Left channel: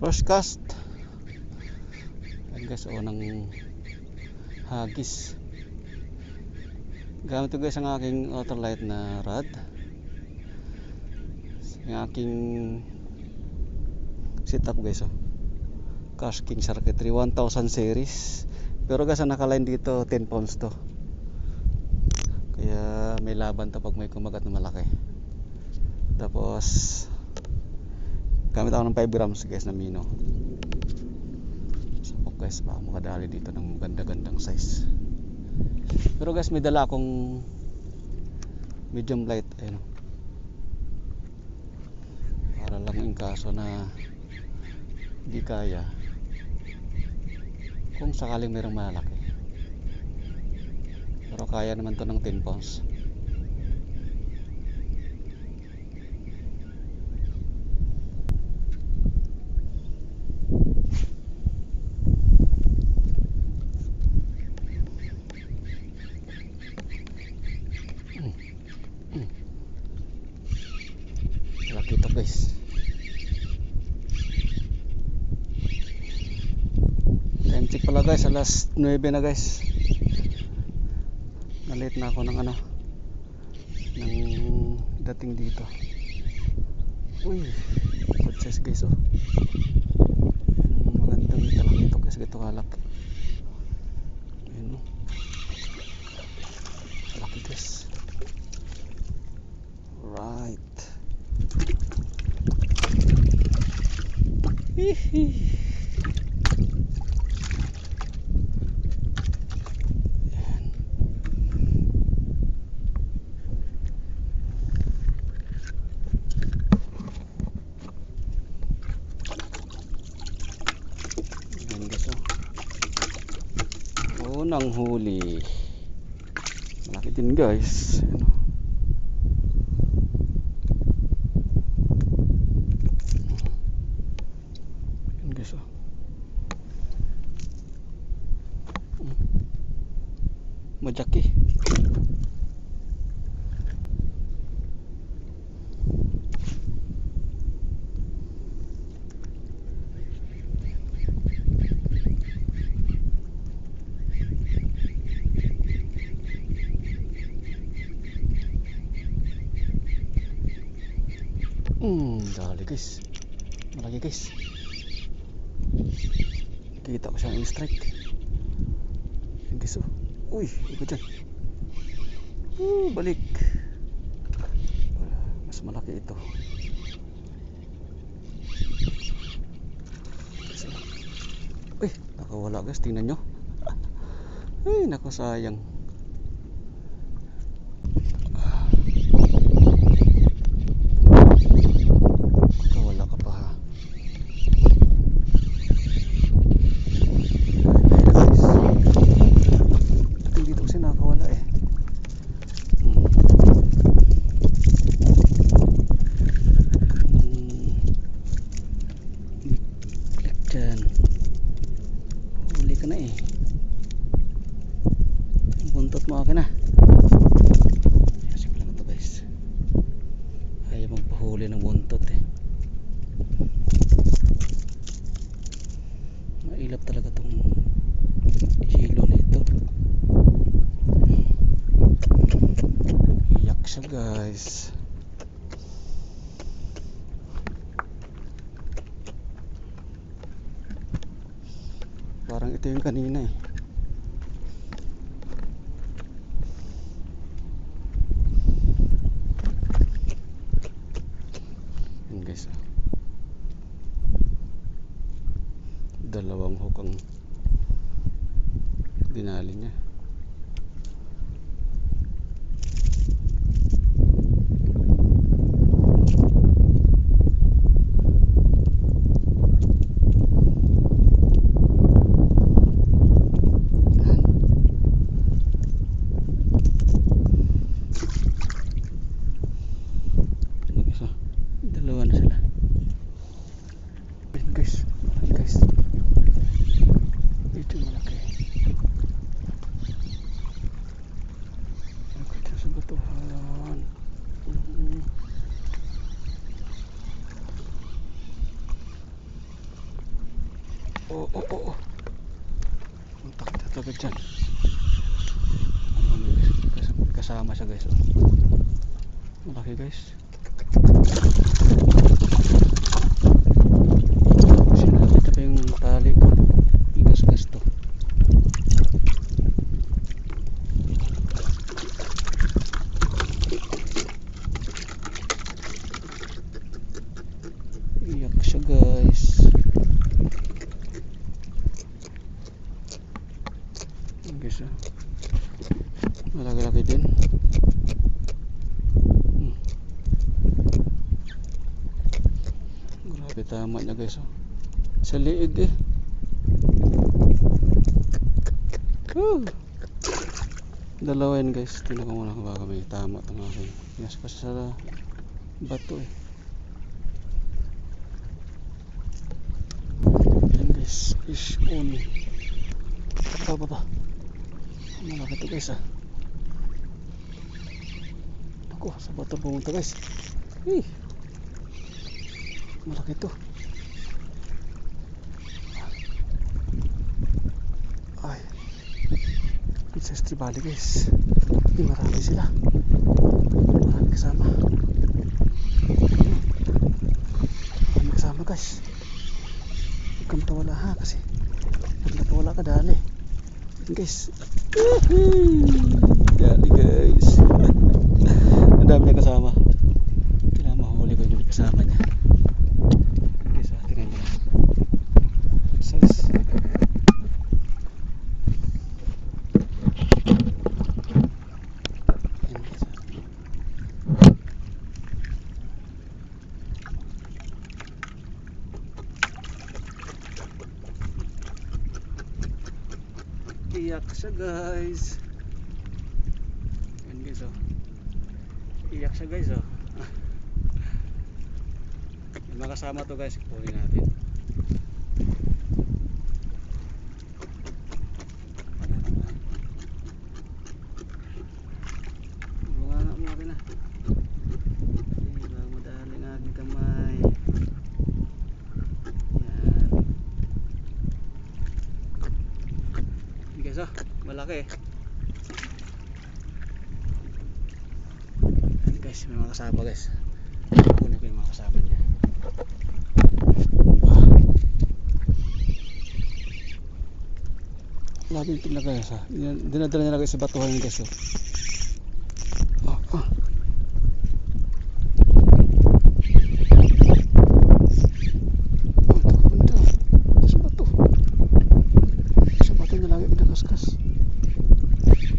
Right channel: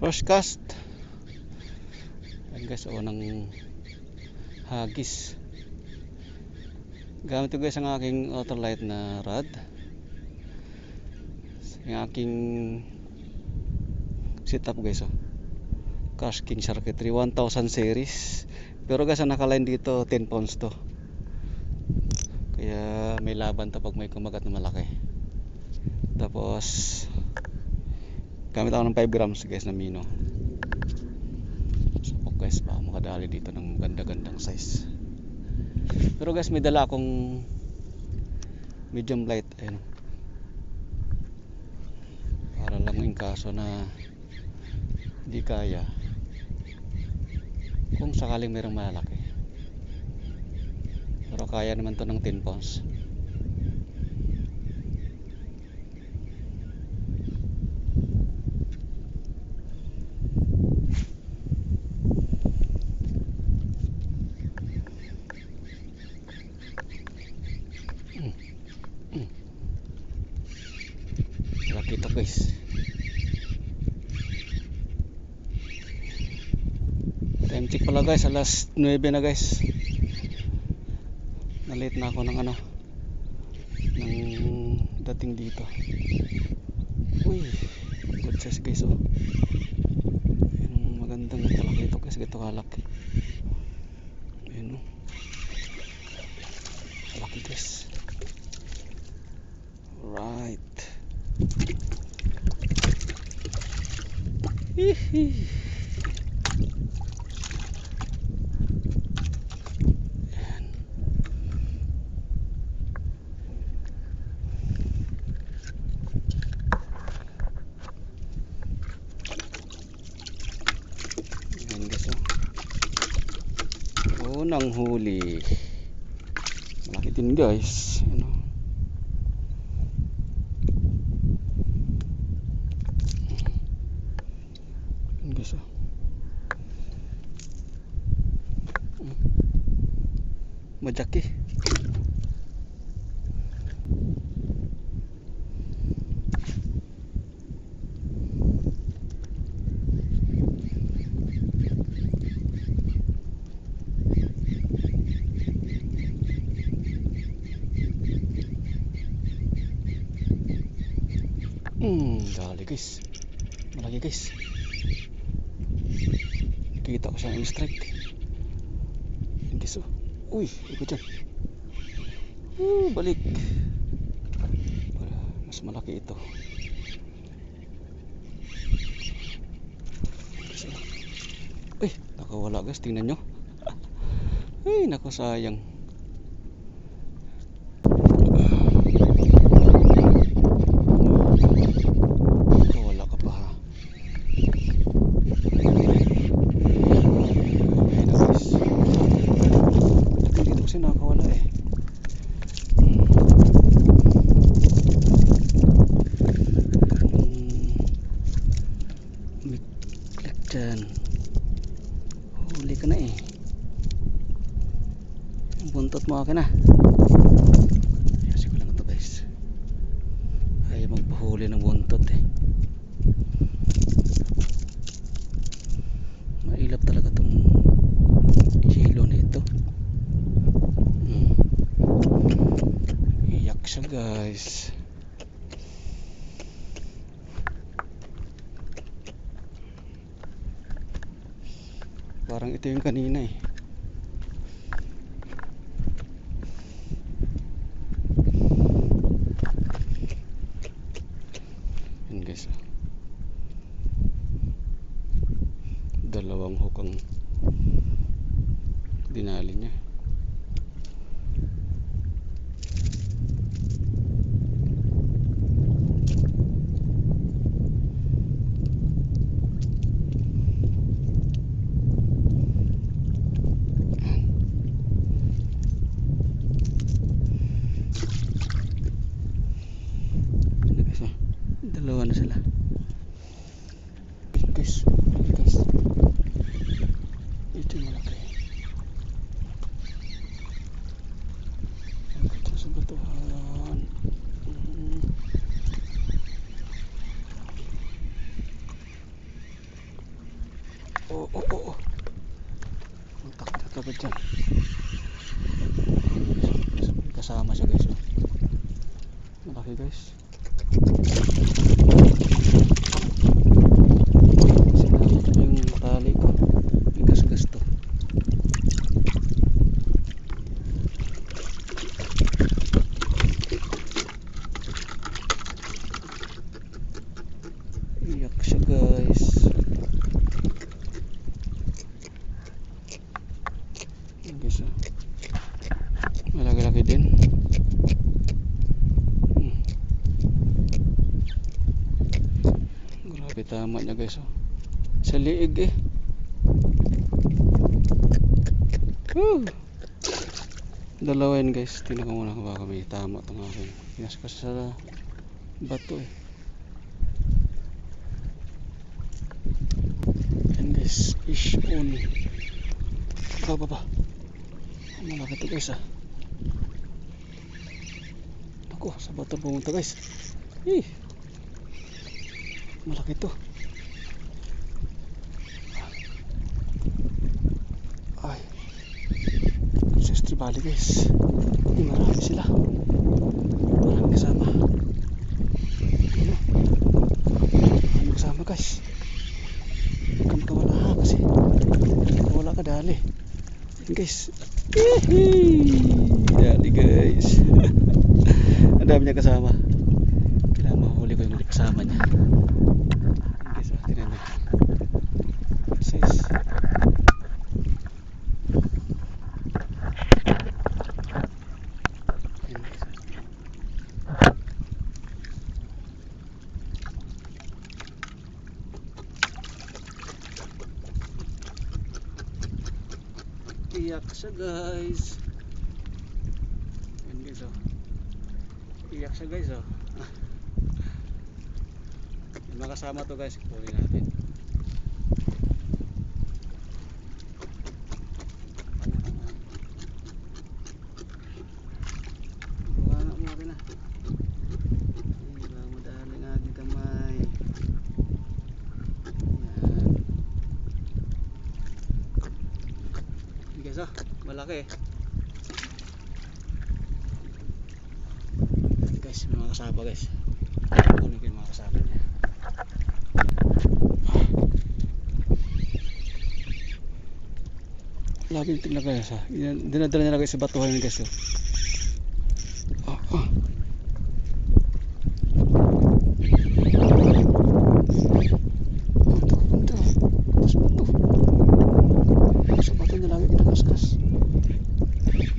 First cast. Ayan guys, unang hagis. Gamit ko guys ang aking ultralight na rod. Yung aking setup guys, Cash King Circuitry 1000 series. Pero guys, ang nakaline dito 10 pounds to. Kaya may laban to pag may kumagat na malaki. Tapos gamit ako ng 5 grams guys na mino. Sapok guys, baka makadali dito ng ganda-gandang size. Pero guys, may dala akong medium light, ayun, para lang in kaso na di kaya, kung sakaling mayroong malaki. Pero kaya naman to ng 10 pounds. Laki ito guys. Time check pala guys, alas 9 na guys. Nalit na ako ng dating dito. Uy, good size guys, magandang talaki ito guys, gito kalaki. Ayun, laki guys. Right. Hihi. Unang huli, malaki din guys. Guys, majaki. Dali guys, malaki guys. Kita ko siyang strike guys. Uy, ikot dyan. Balik. Mas malaki ito. Uy, nakawala guys, tingnan nyo. Ay, naku, sayang. Dyan, huli ka na buntot mo akin na. Sige lang ito guys, ayaw magpahuli ng buntot mailap talaga itong hilo na ito. Iyak siya guys. Parang ito yung kanina Yun guys, dalawang hook ang dinali niya. Dalawa na sila guys. Ito yung malaki. Ang ganda sa batuhan. Oh, oh, oh, oh. Puntak na agad dyan. May kasama siya guys. Oh. Malaki guys. Sinabi ito yung tali ko. Igas-gas to. Iyak siya guys. Guys, malaki-laki din. Grabe, tama niya guys. Sa liig eh. Dalawa yan guys. Tingnan ko muna kung baka may tama itong aking pinaspas sa bato eh. And this is on. Baba. Malaki ito guys ah. Ako, sa bato pumunta guys. Malaki ito. Ay, sa estribali guys. Marami sila. Marami kasama. Marami kasama guys. Huwag kang tawala ha kasi wala ka dali guys. Dali guys. Ang dami niya kasama. Kailangan mahuli ko yung mga kasama niya guys. Tingnan niyo size. Iyak siya guys. Yan guys oh. Iyak siya guys oh. Yung mga kasama to guys, kunin natin. Buka na mo natin ah. Diba madali nga aking kamay. Guys oh, malaki guys, may mga kasama guys. Kunin ko yung mga kasama niya. Laging tingnan guys ha. Dinadala niya guys sa batuhan guys oh.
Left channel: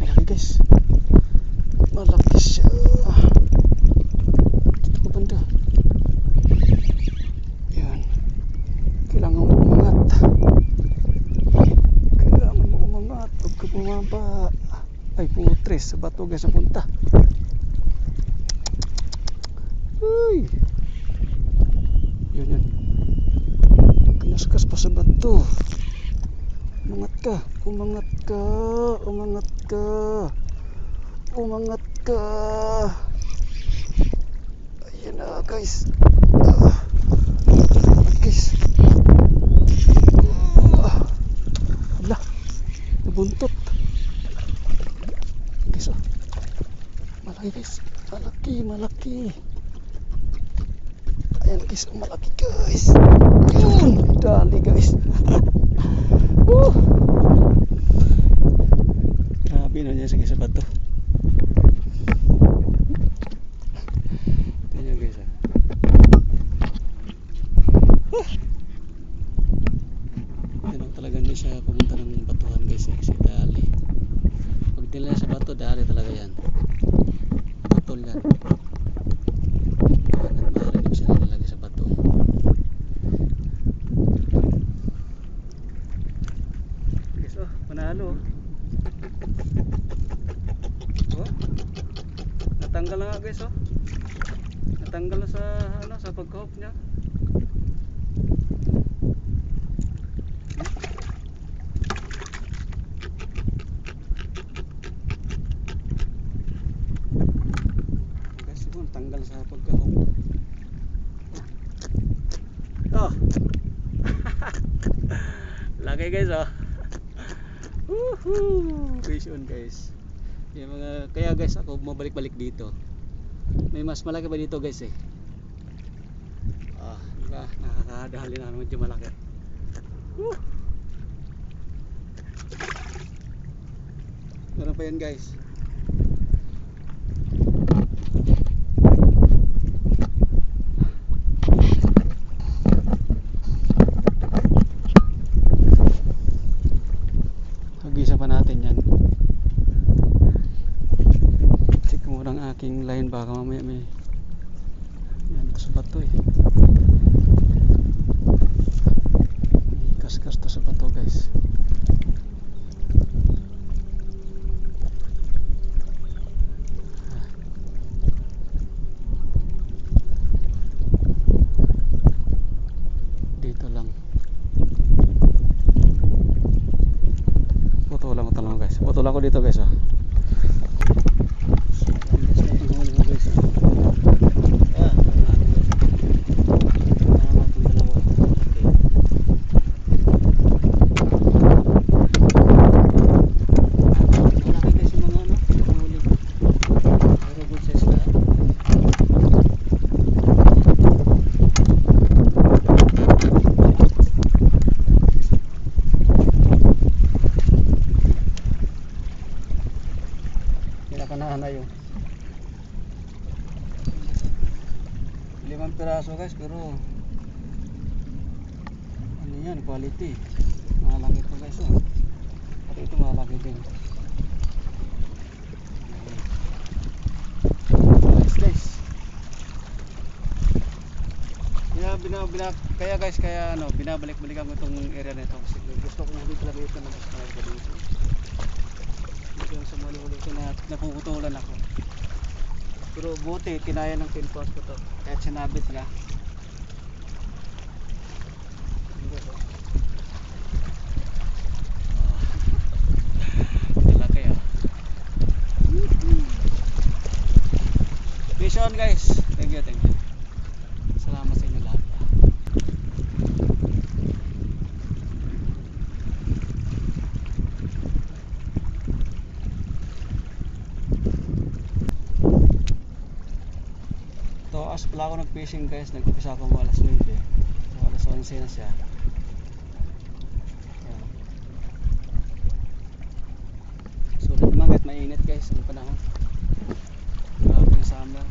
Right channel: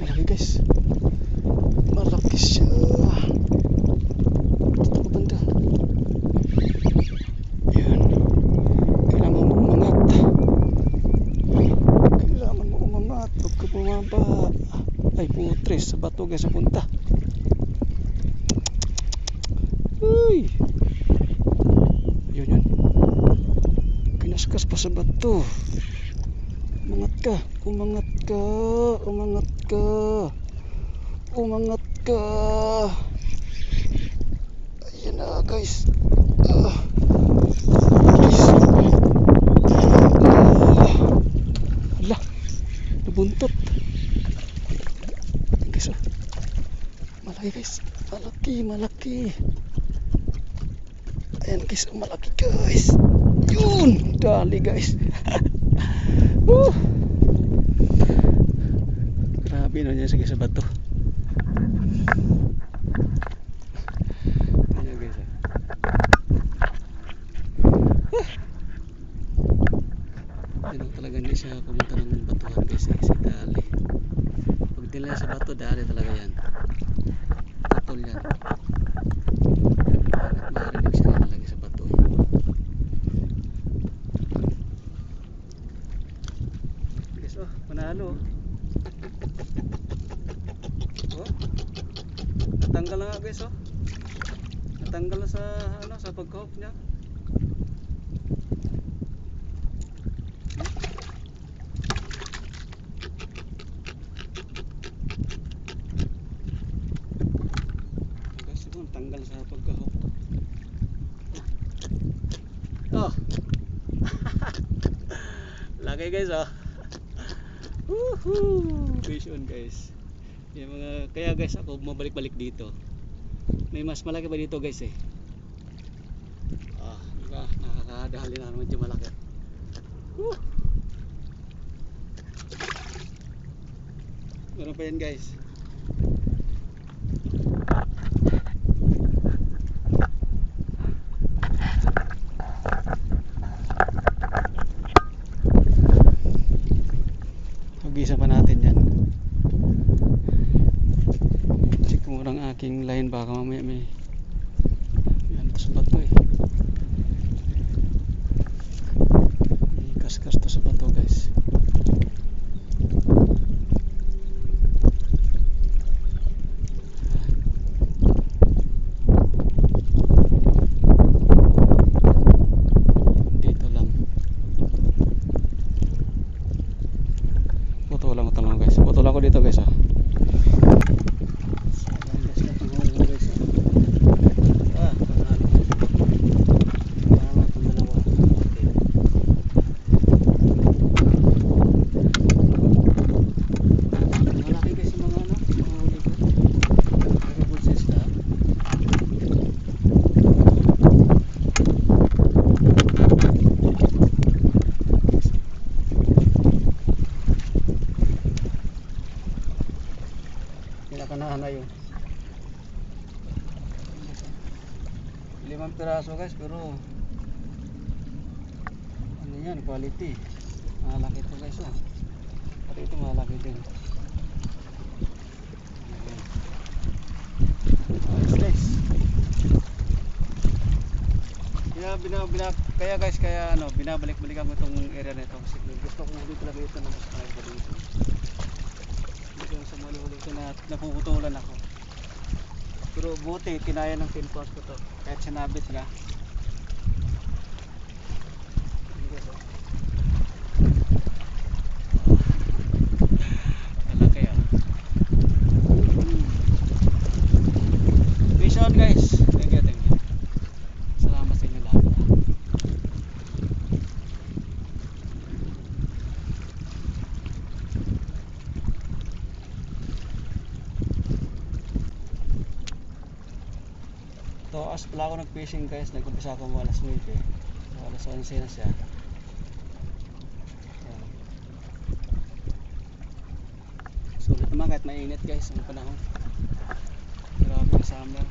Malaki guys. Malaki siya. Ako banda. Yan. Kailangan mo umangat. Kailangan mo umangat. Huwag ka bumaba. Ay putres. Sa bato guys ang punta. Uy. Yun. Pinaskas pa sa bato. Umangat ka. Umangat ka. Umangat ka. Umangat ka. Ayan na guys. Hala. Nabuntot. Guys oh. Malaki guys. Malaki. Ayan guys. Malaki guys. Yun. Dali guys. Grabe na niya sige sa bato. Ayan guys ah. Yan talaga hindi siya pumunta ng batuhan guys eh. Si dali. Pag dila sa bato, dali talaga yan. Batol yan. Marinig siya talaga sa bato. Guys oh, panalo. Oh. Natanggal na nga guys oh. Natanggal na sa sa pagkahop niya. Guys, ito tanggal sa pagkahop. Oh. Malaki guys oh. Woohoo! Fish on guys. Yung mga, kaya guys ako bumabalik-balik dito. May mas malaki pa dito guys eh. Diba? Nakakadahali na medyo malaki. Woo! Meron pa yan guys. Mag-isa pa natin yan. Check mo lang aking line, baka mamaya may yan, sa bato eh. May kaskas to sa bato guys. Dito lang. Putulan ko lang guys. Putulan ko dito guys ah. Pinakanahan na yun. 5 piraso guys, pero ano yan, quality. Malaki ito guys oh. Pati ito malaki din. Guys. Kaya guys, kaya ano, binabalik-balikan ko itong area na ito kasi gusto ko dito talaga ito na mas malaki pa dito. Yung sa malulog na napuputulan ako. Pero buti kinaya ng pinpost ko to kahit sinabit nga. Malaki ah. Fish on guys. Thank you. Salamat sa inyo lahat. Taas pala ako nag-fishing guys, nag-umpisa ako mga alas 9 so alas 11 na siya. Ayan. Sulit naman kahit mainit guys ang panahon. Grabe yung summer.